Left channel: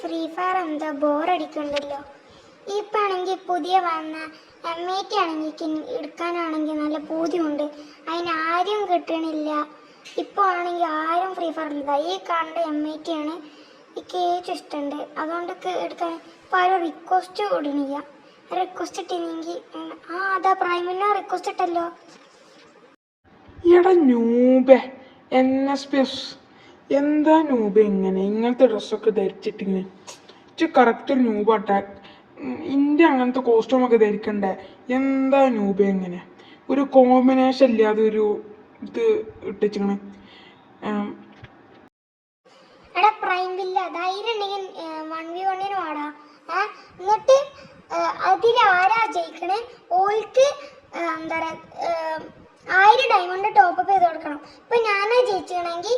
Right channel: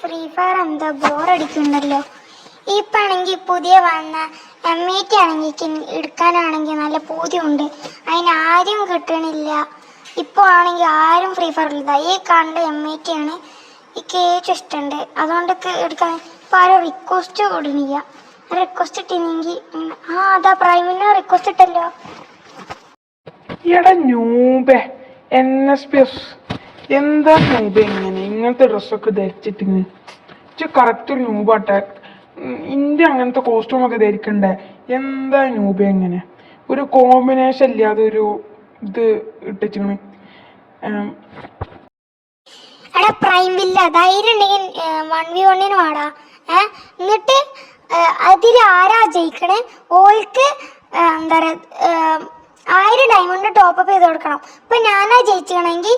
Free fire എന്താ ബോറടിക്കുന്നുണ്ടല്ലോ. ഇപ്പാണെങ്കിൽ പുതിയ വന്ന M80 ആണെങ്കിൽ എടുക്കാനാണെങ്കിൽ നല്ല പൂതിയുണ്ട്. അതിനാരും കിട്ടണില്ല. ഇപ്പോൾ ആണെങ്കിൽ ആരും ഫ്രീ ഫയറിലില്ല. ഈ കാണുന്ന M80 ആണ് എനിക്ക് ഏറ്റവും ഇഷ്ടമുണ്ട്. അതുകൊണ്ട് എടുക്കാൻ ഇപ്പോൾ ആരും റിക്വസ്റ്റ് ഇടണില്ല. റിക്വസ്റ്റ് ഇട്ടില്ലെങ്കിൽ അതാ പ്രൈമിന് റിക്വസ്റ്റ് ഇട്ടല്ലോ. എടാ ന്യൂബേ NSPS എന്താ ന്യൂബേ ഇങ്ങനത്തെ ഡ്രസ്സൊക്കെ ധരിച്ചിട്ടിങ്ങനെ കറക്റ്റ് ഒരു ന്യൂബ് അറ്റാക്ക് ഇന്ത്യ അങ്ങനത്തെ കോസ്റ്റ്യൂമൊക്കെ ധരിക്കണ്ടേ? എന്താ ന്യൂബേ ഇങ്ങനെ ഒരു കോമ്പിനേഷൻ ഇല്ലാതെ ഒരു ഇത് ഇട്ടിച്ചിങ്ങനെ. എടാ പ്രൈമില്ല ധൈര്യം ഉണ്ടെങ്കിൽ 1v1 വാടാ. എന്നിട്ട് അതിൽ ആരാ ജയിക്കണേ ഓൾക്ക് എന്താ പറയുക 1000 ഡയമണ്ട് ടോപ്പപ്പ് ചെയ്ത് കൊടുക്കണം. ഇപ്പം ഞാനാ ജയിച്ചിക്കണമെങ്കിൽ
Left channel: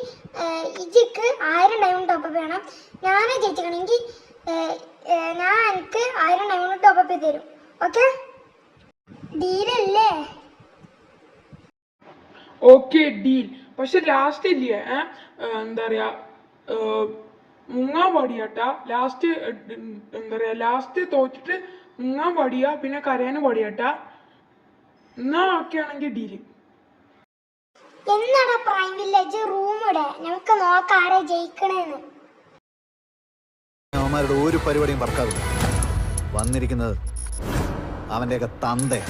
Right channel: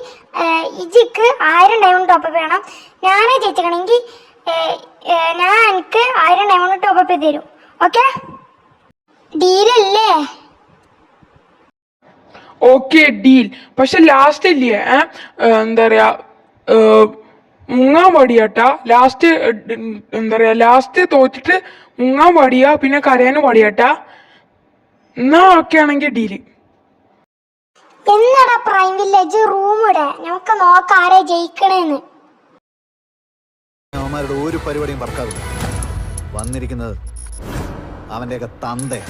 ഇജിക്ക് 1000 ഡയമണ്ട് ടോപ്പപ്പ് ചെയ്യണം. ഞാനാ ജയിച്ചിക്കണമെങ്കിൽ ഞാൻ എനിക്ക് 1000 ഡയമണ്ട് ടോപ്പപ്പ് ചെയ്ത് തരും. ഓക്കെ ഡീലല്ലേ? Okay deal. പക്ഷെ ലാസ്റ്റ് ഇല്ലേ എന്താ പറയാ മുങ്ങാൻ പാടിയാട്ടാ. ലാസ്റ്റ് എന്താ പറയാ ലാസ്റ്റ് തോറ്റിട്ട് മുങ്ങാൻ പാടിയാ പിന്നെ കരയാനും പാടിയാട്ടാ. എന്നാ ഓക്കെ ആണെങ്കിൽ ഡീല്. എന്നാടാ പ്രൈം വില്ലേജ് റൂം ഇടേ നമുക്ക് നോക്കാം ആരെ ജയിക്കണേന്ന്. അവന്മാരുടെ ഒരു പരിപാടിയും വർക്കാവില്ല. വന്നിരിക്കുന്നത് അവന്റെയൊക്കെ തന്തേ.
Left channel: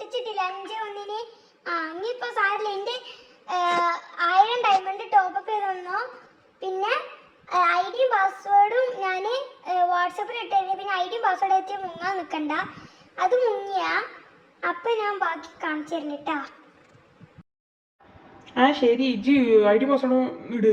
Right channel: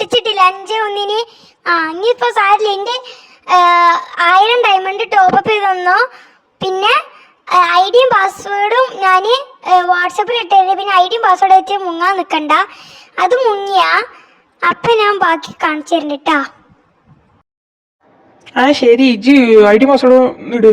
പൊട്ടിച്ചിട്ടില്ല 5-1. ഇനിയിപ്പോ സാരില്ല. എൻ്റെ 1000 ഡയമണ്ട് ടോപ്പപ്പ് ചെയ്ത് തന്നോ. പിന്നെ ഐഡിയും പാസ്വേഡും ഞാൻ വാട്സപ്പിൽ ഇട്ടേ. പിന്നെ ഐഡിയും പാസ്വേഡും വെച്ച് മുങ്ങാൻ നിൽക്കണ്ട. അത് മുങ്ങിയാ അപ്പം ഞാൻ ബാക്കി കാണിച്ചു തരുന്നുണ്ട് കേട്ടാ. ശരി ഇജ് ഐഡി പാസ്വേഡ് ഇട്.